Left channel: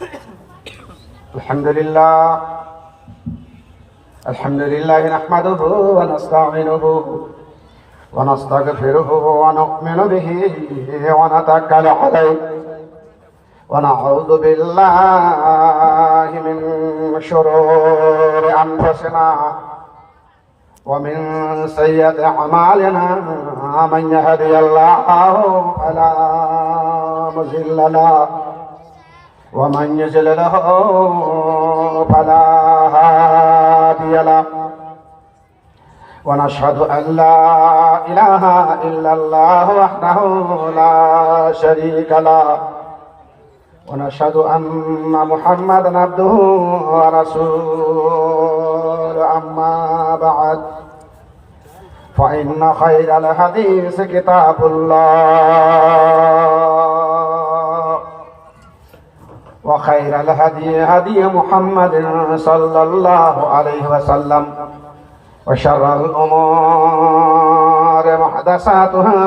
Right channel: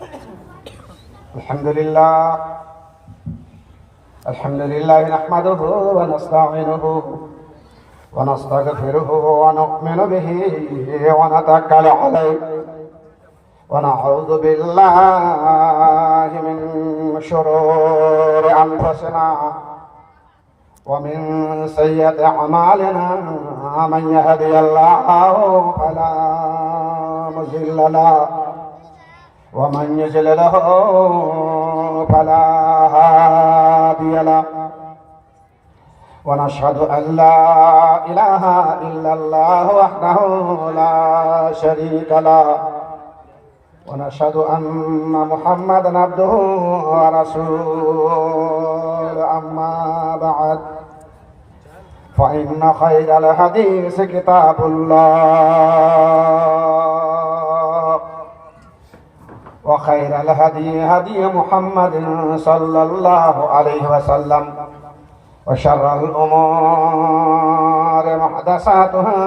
الحمد لله نحمده ونستعينه ونستغفره ونؤمن به ونتوكل عليه ونعوذ بالله من شرور أنفسنا ومن سيئات أعمالنا من يهدي الله فلا مضل له ومن يضلل فلا هادي له ونشهد أن لا إله إلا الله وحده لا شريك له ونشهد أن محمدا عبده ورسوله أما بعد فإن خير الحديث كتاب الله وخير الهدي هدي محمد صلى الله عليه وسلم وشر الأمور محدثاتها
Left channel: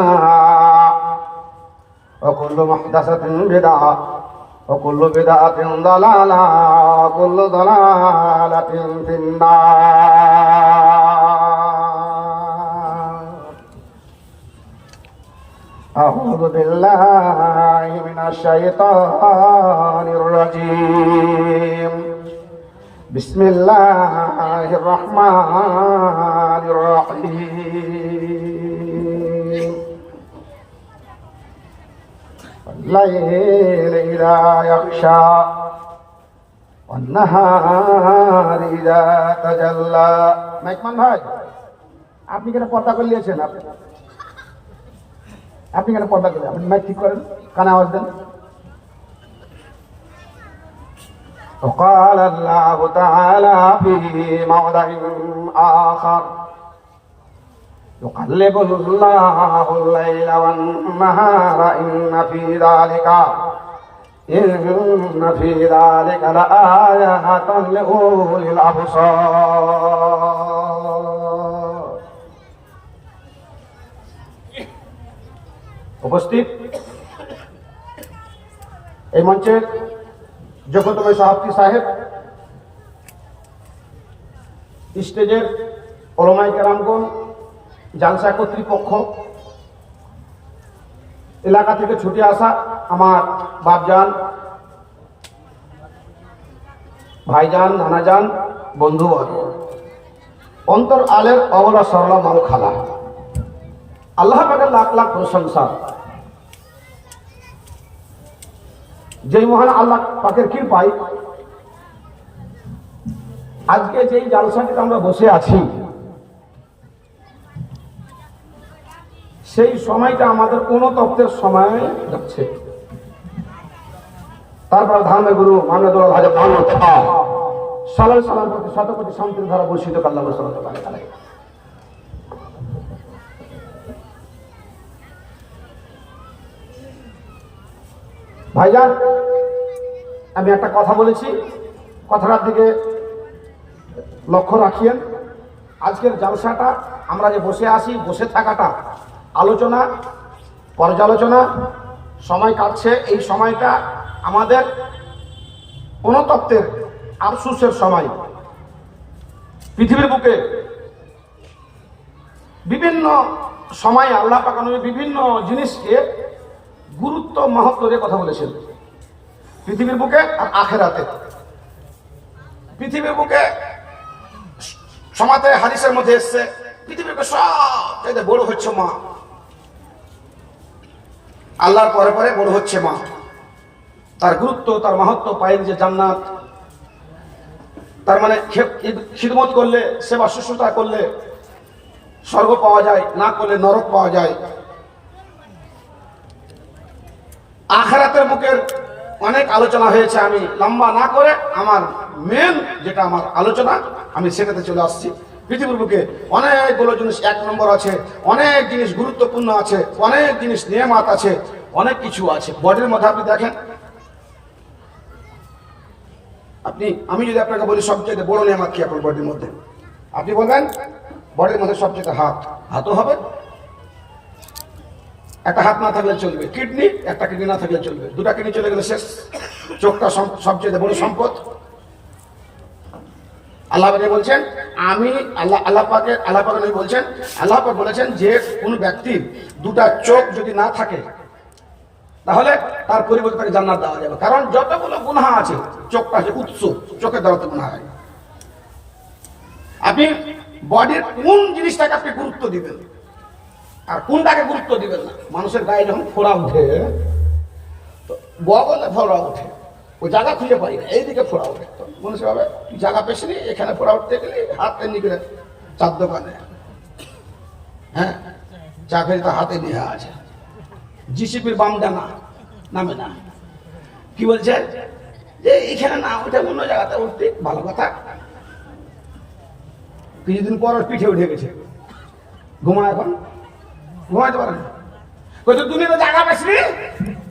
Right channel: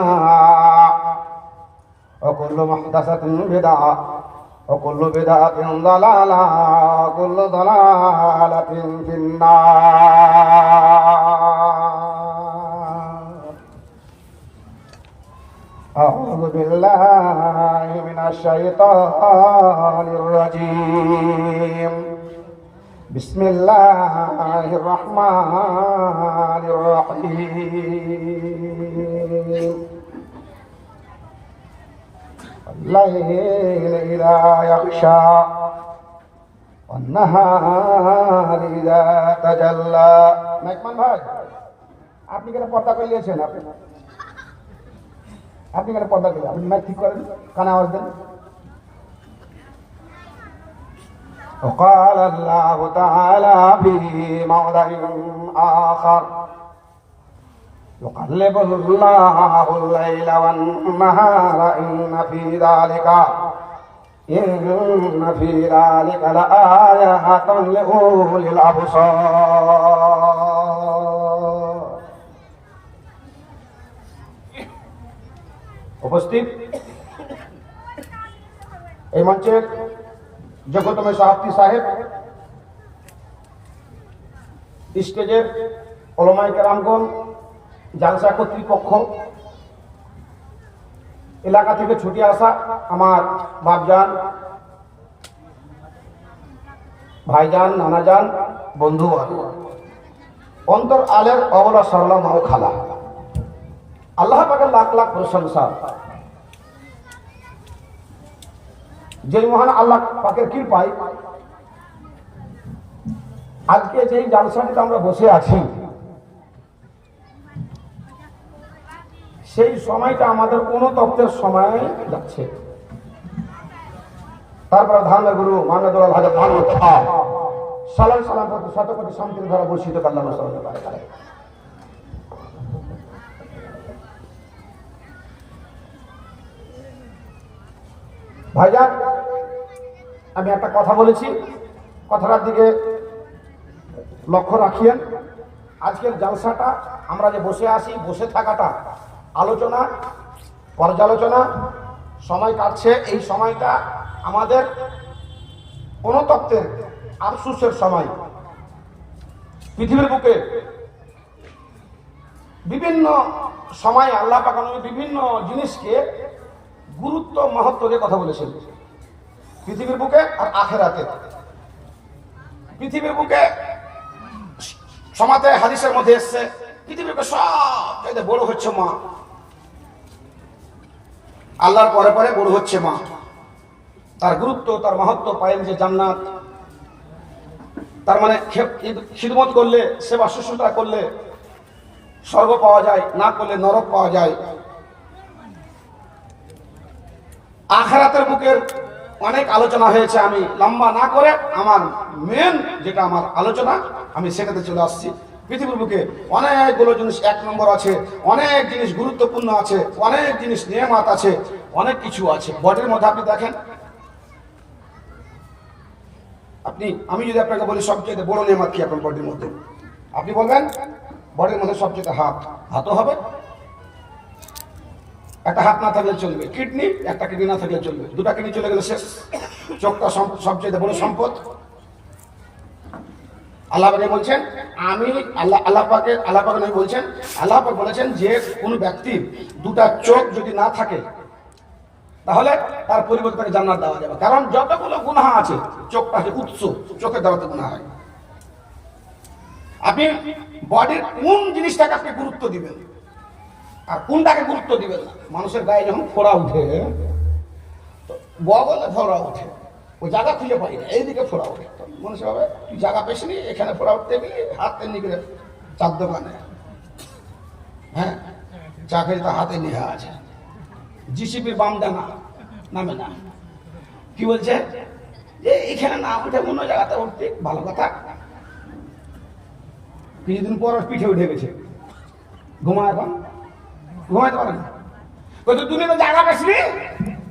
وكل محدثة بدعة وكل بدعة ضلالة وكل ضلالة في النار. أعوذ بالله من الشيطان الرجيم. بسم الله الرحمن الرحيم. الليل إذا يغشى والنهار إذا تجلى. মেকমান ভাই, আপনি কেন পর্দা করে নিয়েছেন? আপনি কেন পর্দা করে? আপনি মাইক ঠিক করেন, কানে আওয়াজ দেন। وقال الله تعالى في موضع آخر يقلب الله الليل والنهار إن في ذلك لآيات لأولي الأبصار. উপস্থিত এই মঞ্চে জগতময় সাহাবী সাহেব, স্টেজের ওলামায়ে কেরামগণ, জালসা কর্তৃপক্ষ, এলাকা থেকে ছুটে আসা আমার বাপজান, ভাইজান, নানাজান, বন্ধু, অন্তর আলের অবলা সরলা মাও খালা, আল্লাহ পাকের লাখ লাখ প্রশংসা। যেই মহান আল্লাহ পাকের কৃপায় আজকে যেই জালসাটিতে আমরা বসে আছি, সেই সময়টা আমাদের কোন তত্ত্বের সময় যাচ্ছে। তারপর ধর্মের গুরু মানবুল হাজার সালাম সালাম প্রতি শতকোটি শান্তির ধারা বর্ষিত কাল্লাহ সাল্লাল্লাহু আলাইহি। ভাইজান, আমি একটা কথা বলেছি, কথাটার দিকে লক্ষ্য রাখিয়েন। আজকের জালসাটা আমরা যে বসে আছি, বসে থাকাটা, আলোচনা, পর্যালোচনা, সময় কাটছে, এই সময়টা আমাদের অনুতপ্তের আফসোসের সময়। পৃথিবীর বুকে বিভিন্ন সময়ে আল্লাহ পাক বিভিন্ন জিনিসকে গুরুত্ব মাহাত্ম দিয়ে কথা বলেছেন। পৃথিবীর বুকে আর আখেরাতে। পৃথিবীর বুকে সমাতে হাদিসের মধ্যে এসছে, পৃথিবীর বুকে সব বড় হচ্ছে মা, আল্লাহর পরে পরে বড় হচ্ছে মা। তার গুরুত্ব, তার মাহাত্ম পাইন যে জান্নাত। তার মানে খিদমত করলে, সেবা শুশ্রূষা করলে স্বর্গ পাওয়া যায়, না করলে নরক পাওয়া যায়। আখিরাতের বুকের অনেক আলোচনা হয়েছে, আমি লম্বা না করে আমার মেন যেটা আমার আলোচনা, আমি সেটাতে চলে আসছি। পৃথিবীর বুকে অনেকগুলো জিনিস এক নম্বর আছে, অনেক জিনিস গুরুত্বপূর্ণ আছে, অনেক জিনিস নিয়ামত আছে, অনেক কিছু আছে। বডির মধ্যে আপনি দেখেন, আমি যদি আপনাকে বলি সবচেয়ে বড় নিয়ামত কি আপনার বডির মধ্যে, আপনি বলবেন বডির মধ্যে সবচেয়ে হাতও হবে। একটা হাত না থাকলে চলবে, কিডনি, একটা কিডনি না থাকলে চলবে, দুটা কিডনি চলে গেলে শেষ। চোখটা সবচেয়ে বড় সম্পদ। আল্লাহ পাক বলছেন, আমি আল্লাহ পাক নবী বলছেন, আল্লাহ পাক বলেছেন যে কোন ব্যক্তির দুটা চোখ যদি না থাকে তাহলে তার পরিবর্তে তাকে জান্নাত দেওয়া যাবে। কারণ যতগুলো গুনাহ আছে চোখটা হচ্ছে উৎস, চোখের দ্বারা তো গুনাহ হয়। আপনি বডির কোন জিনিসটাকে আপনি গুরুত্ব দিবেন আর কোনটাকে গুরুত্ব দিবেন না। মানুষের গায়ে যখন ফোড়া উঠে, বগলে ফোড়া উঠে, ওই জায়গা খুঁজে পাই না, এইদিকে ফোড়া উঠে, মানুষের ভাবে জায়গা পেছি নি, এখানে ফোড়া উঠতে গেলে হাতে নিয়ে চার দোকানে, হ্যাঁ, চা খেয়ে তার হাতে নিয়ে আছে, জিসিপির বামটা না নামে না, কি বলছে যে এইখানে না উঠে অন্য জায়গাতে উঠতে, ভালো কথা। কিছুদিন পর পিঠে উঠে গেছে, ঘুমা, এখন ঘুমাইতে পারে না, তুমি তো জায়গা পেছি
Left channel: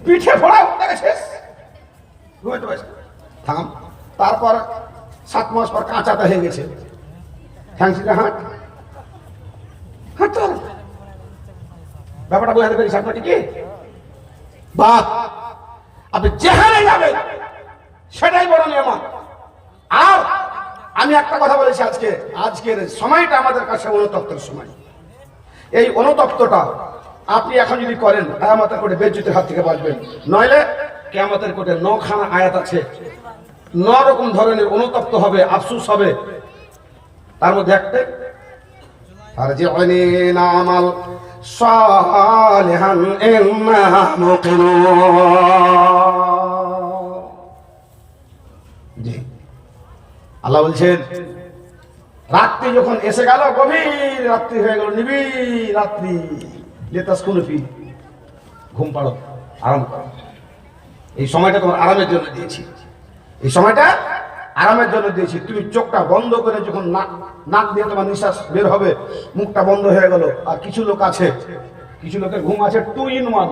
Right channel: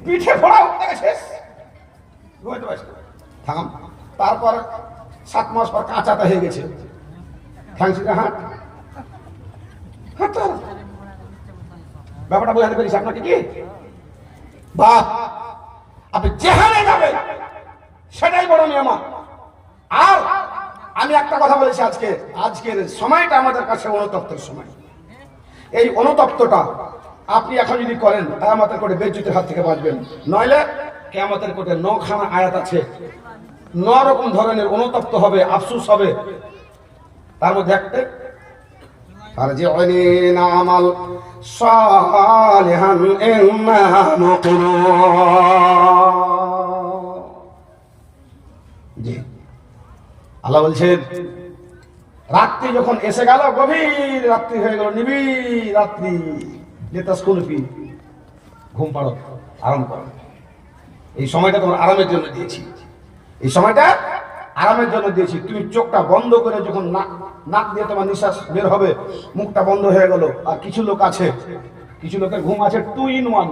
পিঠে ফোড়া উঠতে গেছে, ঘুমাইতে পারছি থাম। তারপর 7 মাস পর কাঁচাটা হয়ে গেছে, ঠ্যাংসিতে হাঁট হাঁটতে, ব্যাপারটা বোঝাতে পেরেছি আপনাকে কি? বাপ, আপনি যেখানে যাবেন সেটাই বড় নিয়ামত। আর আমি একটা কথা বলেছি, আজকের সময়টা আমাদের কাছে অনুতপ্তের সময়। এই অনুতপ্তটা আপনি এখন যদি করেন, কিয়ামতের কোটে বেজ্জতির হাত থেকে বাঁচবেন। নইলে কিয়ামতের কোটে 9খানা আয়াত আছে, 9 রকম ধরনের অনুতপ্ত হবে, আফসোস হবে। তার মধ্যে একটা, আরজিউনি নামাল সালিহান ইন্না মুকিনুন। জি, আল্লাহ বলছেন, রাত্রি যখন এসে গেল, গভীর রাত্রি হয়ে গেল, নিবিড় রাত্রি, লেতাসকুনফি, ঘুম পাড়ো, আরাম করো। এই সময়টা তোমার আরামের জন্য দিয়েছি, এই সময়টা আরামের জন্য দিয়েছি। তুমি চোখটা বন্ধ করে যখন নাক দিয়ে তোমার নিঃশ্বাস বের হবে, মুখটা বন্ধ হয়ে গেল। আর কিছু লোক আছে, কিছু লোকের ঘুম আছে 2 in 1।